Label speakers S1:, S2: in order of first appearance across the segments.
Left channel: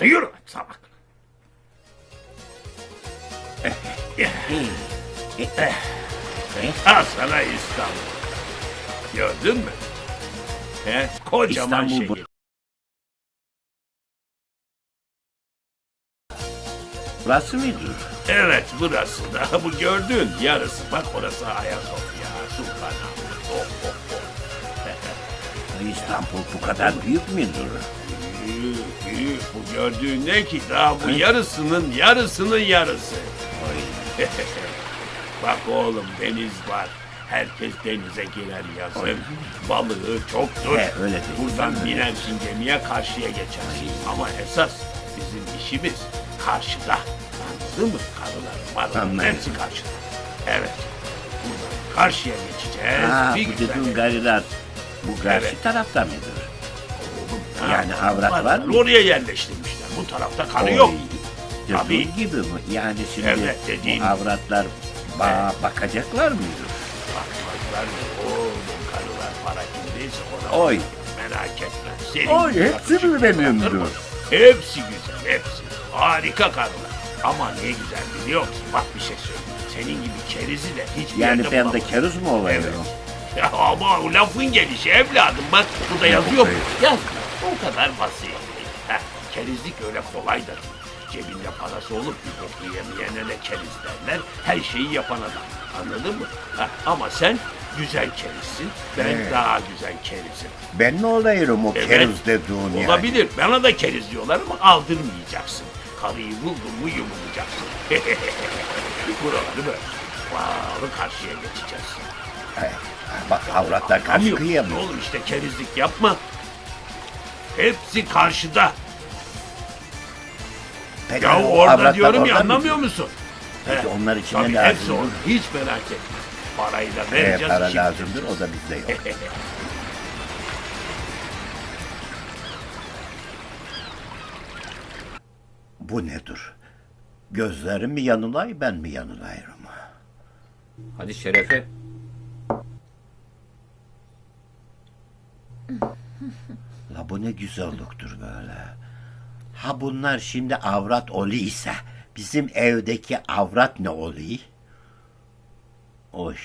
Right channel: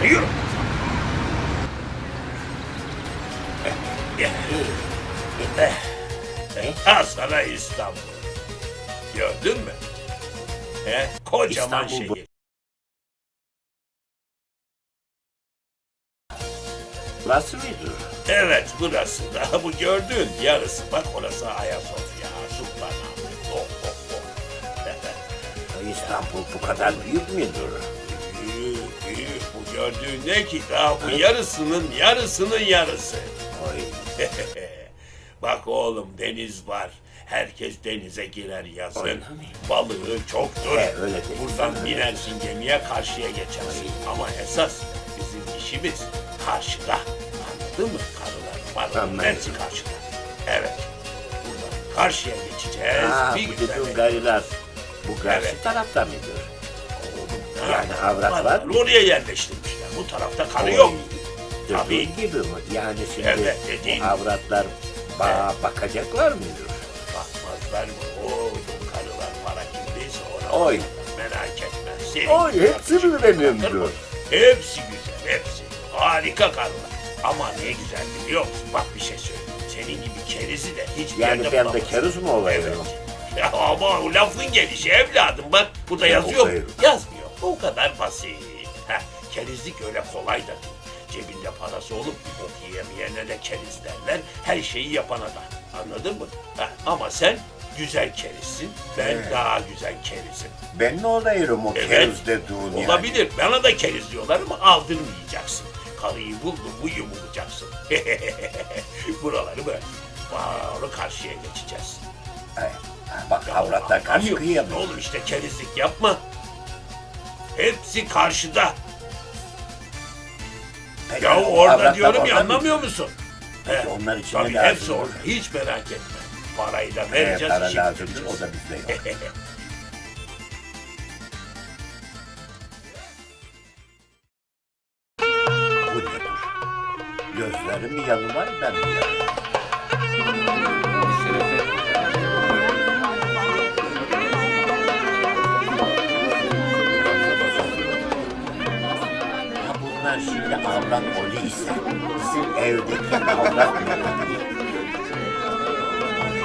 S1: Yürü. Al sana İstanbul. Gördün mü? Kocaman
S2: İstanbul bu.
S1: şehir.
S2: Burası mıdır?
S1: Evet, burası da bu gördüğün yarısı. Bak orası Ayasofya, Sultanahmet. Oh, oh, oh.
S2: İstanbul bu kadar büyük müdür?
S1: Büyük, büyük. Bu gördüğün ne ki? Daha bu yarısının yarısı.
S2: Ay,
S1: Bak oğlum, deniz var. Herkes denize girer yazın. Balığı çoktur.
S2: öyle değil.
S1: Buradan binersin gemiye, karşıya geçersin. Ama esas bizim işimiz karşıda. Anladın mı? Karılar,
S2: Anladım.
S1: hepsi karşıda. Evet. Buradan karşıya geçeceğiz.
S2: Ha,
S1: bir
S2: bu
S1: güzel.
S2: dediğin gariler. Bu karşı
S1: Evet.
S2: tarafta mıdır?
S1: Oğlum, ne
S2: Yani
S1: yapalım?
S2: avrat var mı?
S1: Oraya yerleştirmişler. Bu tarafta karı yok. Tabii.
S2: Dediğin gibi mi? Yani şimdi
S1: Evet, dediğin
S2: bu avratlar bakacaklar mıdır?
S1: Bakmazlar mı? Oğlum, karılar para kimdeyse ona
S2: Oy.
S1: bakmaz. Merak etme. Senin
S2: Oy,
S1: gibi
S2: hepsi
S1: yapacak
S2: mi benimdir?
S1: bakır mı? Hepsi güzel, hepsi. Harika karılar. Ama ne güzel biliyor musun? Bak bir şey söyleyeyim. Senin gibi kerizi de hiçbir
S2: Yani
S1: yerde
S2: ben de
S1: bulamazsın.
S2: keruz mu olayım?
S1: Evet. Ya ama o lafın gelişi evladım, bak burada yazıyor mu? Yazmıyor. O kadar basit. Kerizlik öyle kolay da değil. Cebinde parası olup bir bok yiyemeyene de keriz derler. Her şeyi yapan adam. Anladın mı? Ama sen güzel kerizsin. Ben daha güzel kerizim.
S2: Ben ne olayım o
S1: Evet.
S2: keruz dediğin yani?
S1: Olabilir. Bana da keriz diyorlar ama aldırmayacaksın. Karıyı buldun mu yumulacaksın. Buraları böyle. Bağlı karşıya geçeceğiz.
S2: Bak avratlar karşı
S1: Anlamıyor
S2: kıyıya
S1: musun?
S2: mı?
S1: Oğlum işte kerizlik yapma. Hepsi karşıda.
S2: Peki,
S1: Ya
S2: o
S1: orada
S2: avratlar
S1: diyorum ya,
S2: orada mı?
S1: anlamıyor musun?
S2: Peki onlar için
S1: Tabii
S2: ne lazım?
S1: hepsi orada. Hiç merak etme. Parayı da vereceğiz.
S2: Para
S1: işi
S2: lazımdır,
S1: bitireceğiz.
S2: o da bizde yok. Bu nedir? Gözlerim mi yanılay, ben mi yanılay?
S3: Hadi şerefe.
S2: Ha bunlar şimdi avrat oli ise bizim evdeki avrat ne oluyor? Oy.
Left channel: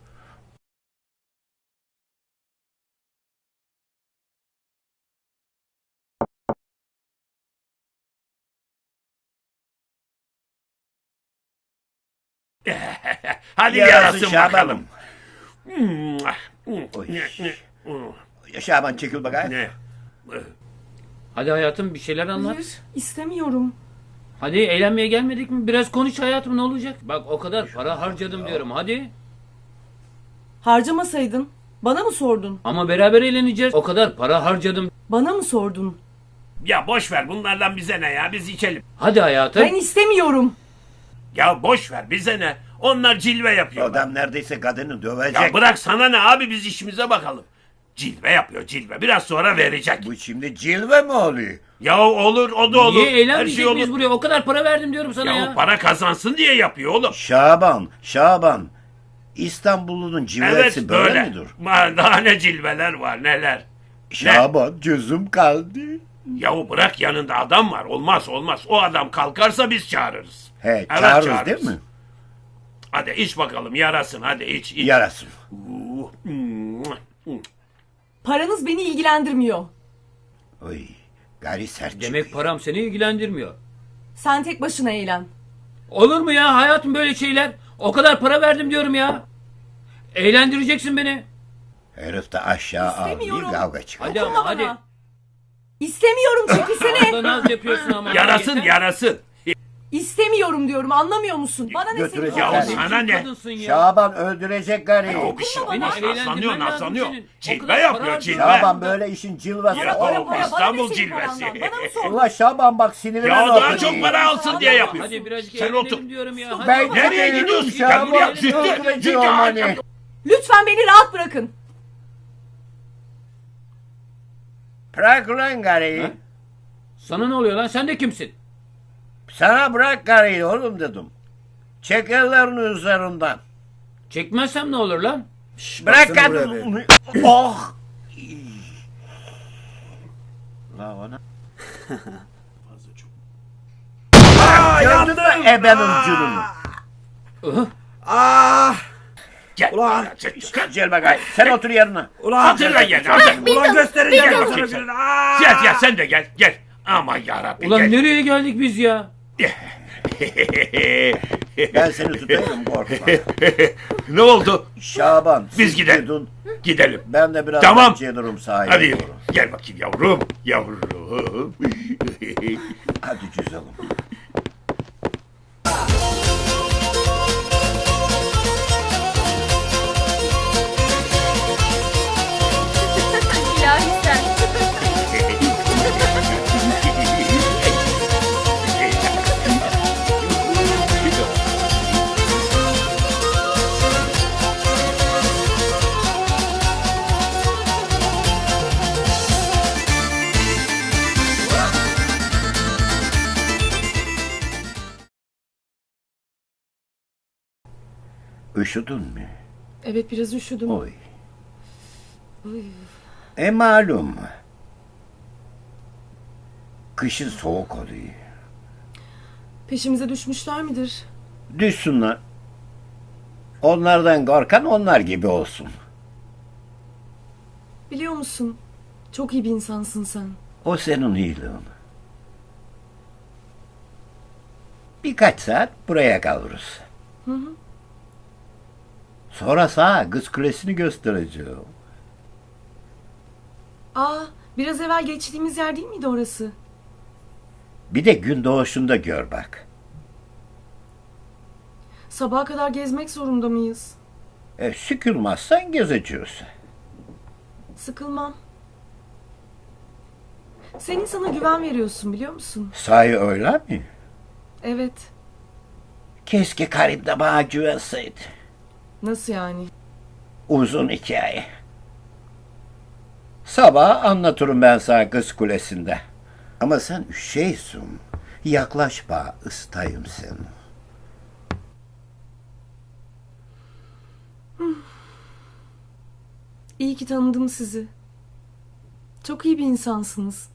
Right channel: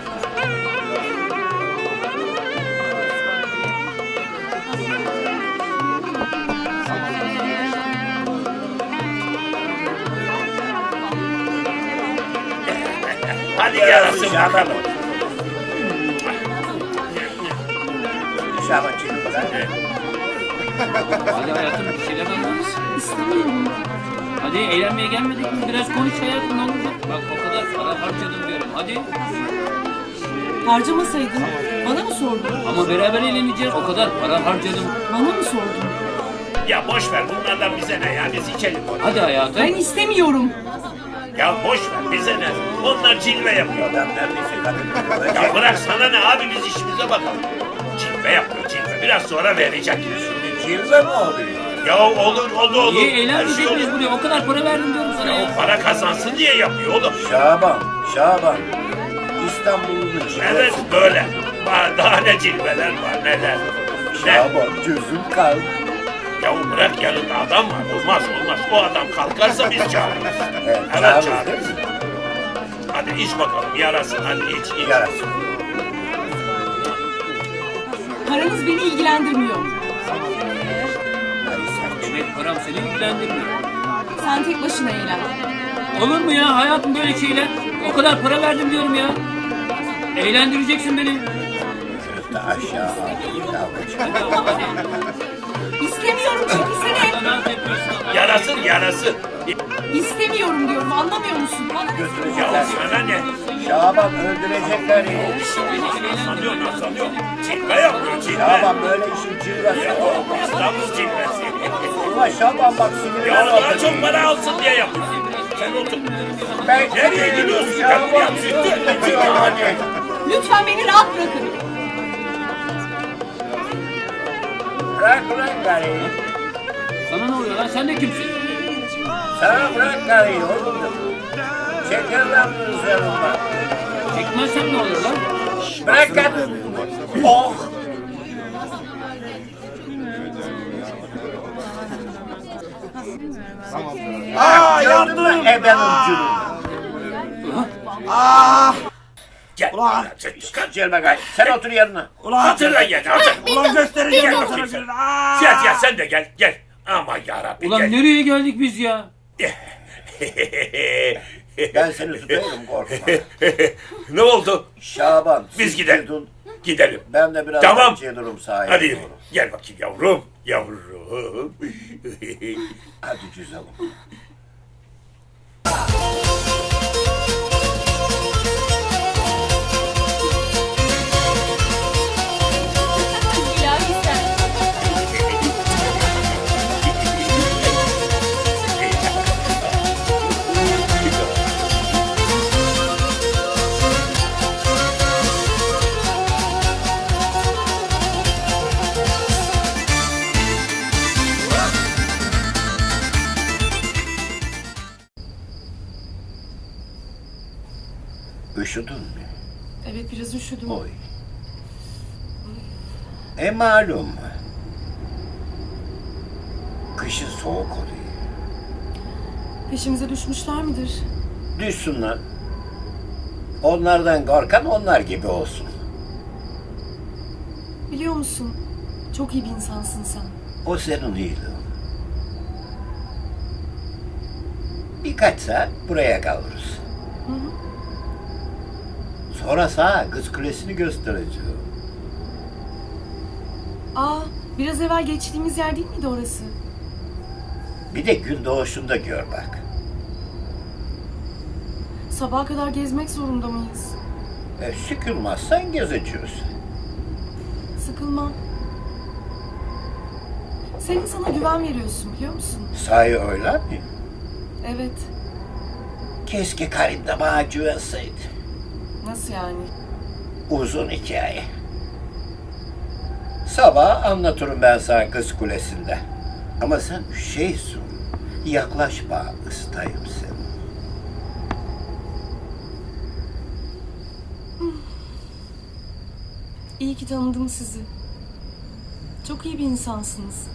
S1: Hadi
S2: Yarasın
S1: yarasın
S2: Şaban.
S1: bakalım.
S2: Şaban çekil bakalım.
S3: Hadi hayatım bir şeyler anlat.
S4: İstemiyorum.
S3: Hadi eğlenmeye gelmedik mi? Biraz konuş hayatım, ne olacak? Bak o kadar para harcadım diyorum, hadi.
S4: Harcamasaydın bana mı sordun?
S3: Ama beraber eğleneceğiz. O kadar para harcadım.
S4: Bana mı sordun?
S1: Ya boş ver, bunlardan bize ne ya, biz içelim.
S3: Hadi hayatım.
S4: Ben istemiyorum.
S1: Ya boş ver, bize ne? Onlar cilve yapıyor.
S2: Adam neredeyse kadını dövecek.
S1: Ya bırak, sana ne abi, biz işimize bakalım. Cilve yapıyor cilve, biraz sonra verecek.
S2: Şimdi cilve mi oluyor?
S1: Ya olur, o da olur.
S3: Niye
S1: Her şey
S3: eğlenmeyecek miyiz
S1: olur.
S3: buraya? O kadar para verdim diyorum sana
S1: Ya
S3: ya.
S1: o para kazansın diye yapıyor oğlum.
S2: Şaban. İstanbul'un cilvesi
S1: Evet böyle.
S2: midir?
S1: Var, daha ne cilveler var, neler. Ne?
S2: Şaban gözüm kaldı.
S1: Ya bırak, yanında adam var. Olmaz. O adam kalkarsa biz çağırırız.
S2: Evet,
S1: Evet,
S2: çağırırız
S1: çağırırız.
S2: değil mi?
S1: Hadi iç bakalım, yarasın, hadi iç.
S2: Yarasın.
S4: Paranız beni ilgilendirmiyor.
S2: Gari sert.
S3: Demek param seni ilgilendirmiyor.
S4: Sen tek başına eğlen.
S3: Olur mu ya hayatım böyle şeyler? O kadar para verdim diyorum ya. Eğlendireceksin beni.
S2: Herif de aşağı ağlayıp kavga çıkar.
S3: Hadi.
S4: İstemiyorum, çekilsene.
S3: Burada naz yapıyorsun ama.
S1: Yarasın.
S4: İstemiyorum diyorum, anlamıyor musun? Bana ne
S2: Götürecek.
S1: Ya sana ne?
S2: Şaban öldürecekler ya.
S1: Bir şey naslanıyor. Cilve yapıyor, cilve.
S2: Şaban böyle işin cilvesi.
S1: Ya, o İstanbul cilvesi.
S2: Ulan Şaban bak sinirler
S1: Ya
S2: oldu.
S1: daha çok para alsın diye yapıyor.
S3: Hadi biraz
S1: Sen otur.
S3: diyorum ya. Hadi.
S2: Ben
S1: Nereye gidiyorsun? Gel buraya, zühtü.
S2: Yani.
S4: Lütfen beni rahat bırakın.
S2: Bırak ulan karıyı.
S3: Sana ne oluyor lan? Sen de kimsin?
S2: Sana bırak karıyı oğlum dedim. Çekerler mi üzerinden?
S3: Çekmezsem ne olur lan?
S2: Bırak kadını. Oh. Gördün mü ebenin cülünü?
S1: Gel.
S5: Ulan.
S2: Gel bakayım. Sen otur yerine.
S1: Hatırla gel. Hatırla.
S5: Ulan göstereceğim
S1: Gel
S5: sana
S1: bakayım sen.
S5: gününü. Aa!
S1: Ziya Ziya sen de gel. Gel. Aman yarabbim
S3: Ulan
S1: gel.
S3: nereye geldik biz ya?
S2: Ben seni tutayım korkma.
S1: Ne oldu?
S2: Şaban.
S1: Biz
S2: siz
S1: gidelim.
S2: gidin.
S1: Gidelim.
S2: Ben de biraz
S1: Tamam.
S2: gelirim sahaya.
S1: Hadi
S2: doğru.
S1: gel bakayım yavrum. Yavrum.
S2: Hadi güzelim.
S4: İlahi sen.
S2: Üşüdün mü?
S4: Evet biraz üşüdüm.
S2: Oy. Malum. Kışın soğuk oluyor.
S4: Peşimize düşmüşler midir?
S2: Düşsünler. Onlardan korkan onlar gibi olsun.
S4: Biliyor musun? Çok iyi bir insansın sen.
S2: O senin iyiliğin. Birkaç saat buraya kalırız. Sonra sana Kız Kulesi'ni göstereceğim.
S4: Aa, biraz evvel geçtiğimiz yer değil miydi orası?
S2: Bir de gün doğuşunda gör bak.
S4: Sabaha kadar gezmek zorunda mıyız?
S2: Sıkılmazsan gezeceğiz.
S4: Sıkılmam. Senin sana güven veriyorsun biliyor musun?
S2: Sahi öyle mi?
S4: Evet.
S2: Keşke Karim de bana güvenseydi.
S4: Nasıl yani?
S2: Uzun hikaye. Sabah anlatırım ben sana Kız Kulesi'nde. Ama sen şeysin. Yaklaşma, ıstayım seni.
S4: İyi ki tanıdım sizi. Çok iyi bir insansınız.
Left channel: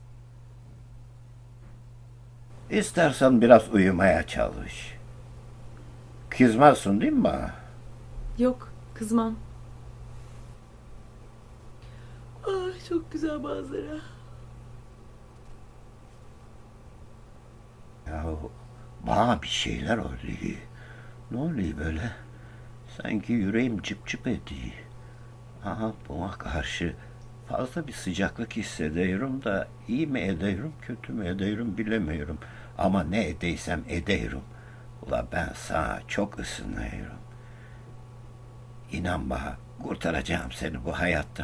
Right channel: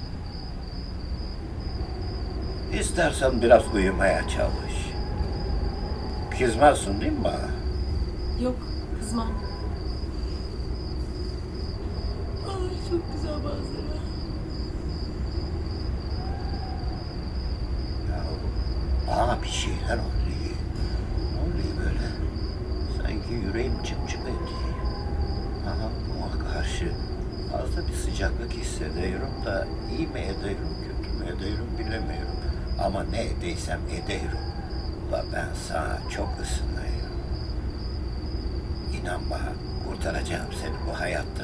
S2: İstersen biraz uyumaya çalış. Kızmazsın değil mi bana?
S4: Yok, kızmam. Ay çok güzel manzara.
S2: Ya bana bir şeyler oluyor. Ne oluyor böyle? Sanki yüreğim çıp çıp ediyor. Aha buna karşı fazla bir sıcaklık hissediyorum da iyi mi ediyorum, kötü mü ediyorum bilemiyorum. Ama ne edeysem ediyorum. Ula ben sana çok ısınıyorum. İnan bana kurtaracağım seni bu hayatta.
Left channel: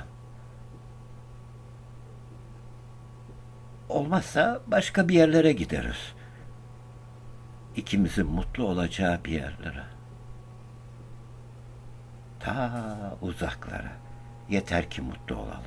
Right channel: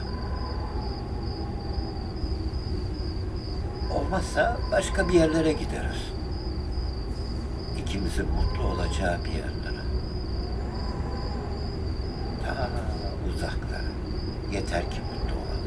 S2: Olmazsa başka bir yerlere gideriz. İkimizin mutlu olacağı bir yerlere. Ta uzaklara. Yeter ki mutlu olalım.